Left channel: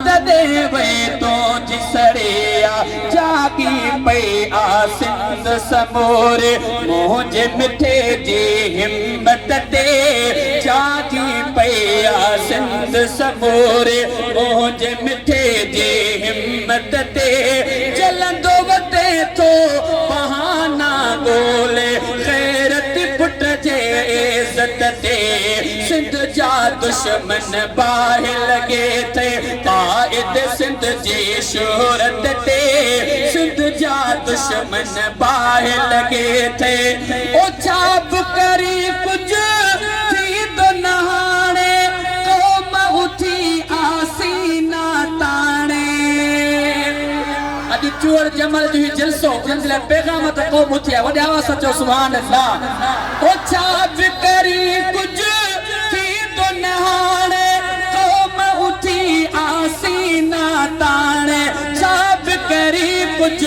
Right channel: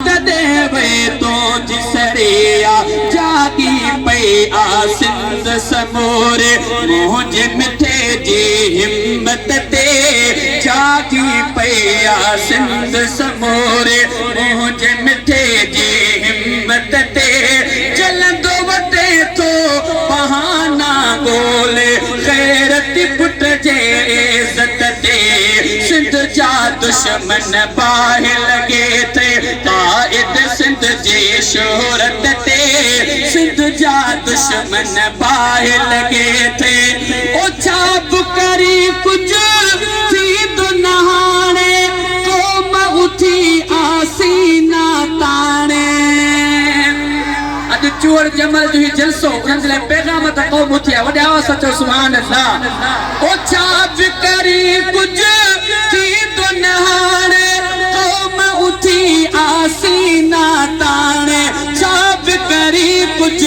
देवे तो जिसरिया जागी पई आ सिंध समूरे मुझे मिठे जी हिम्मत ते जागी पई आ सिंध समूरे मुझे मिठे जी हिम्मत ते जलंदो वटे तो बहाना गोले खैरत पुट जे इज्जत ते सिंध जा दुश्मन बाहि लगे थे कायद सिंध जी शोहरत ते सिंध जा दुश्मन बाहि लगे थे ओ छाप करी कुछ थी तो नहाने तो उठी आसीना ताने अज चोर जमल जो ही जलसो उनले पैगाम त क़ौम उथिया वडे आवाज सचो सुभान अल्लाह ओ छाप करी कुछ आसीना ताने छाप करी कुछ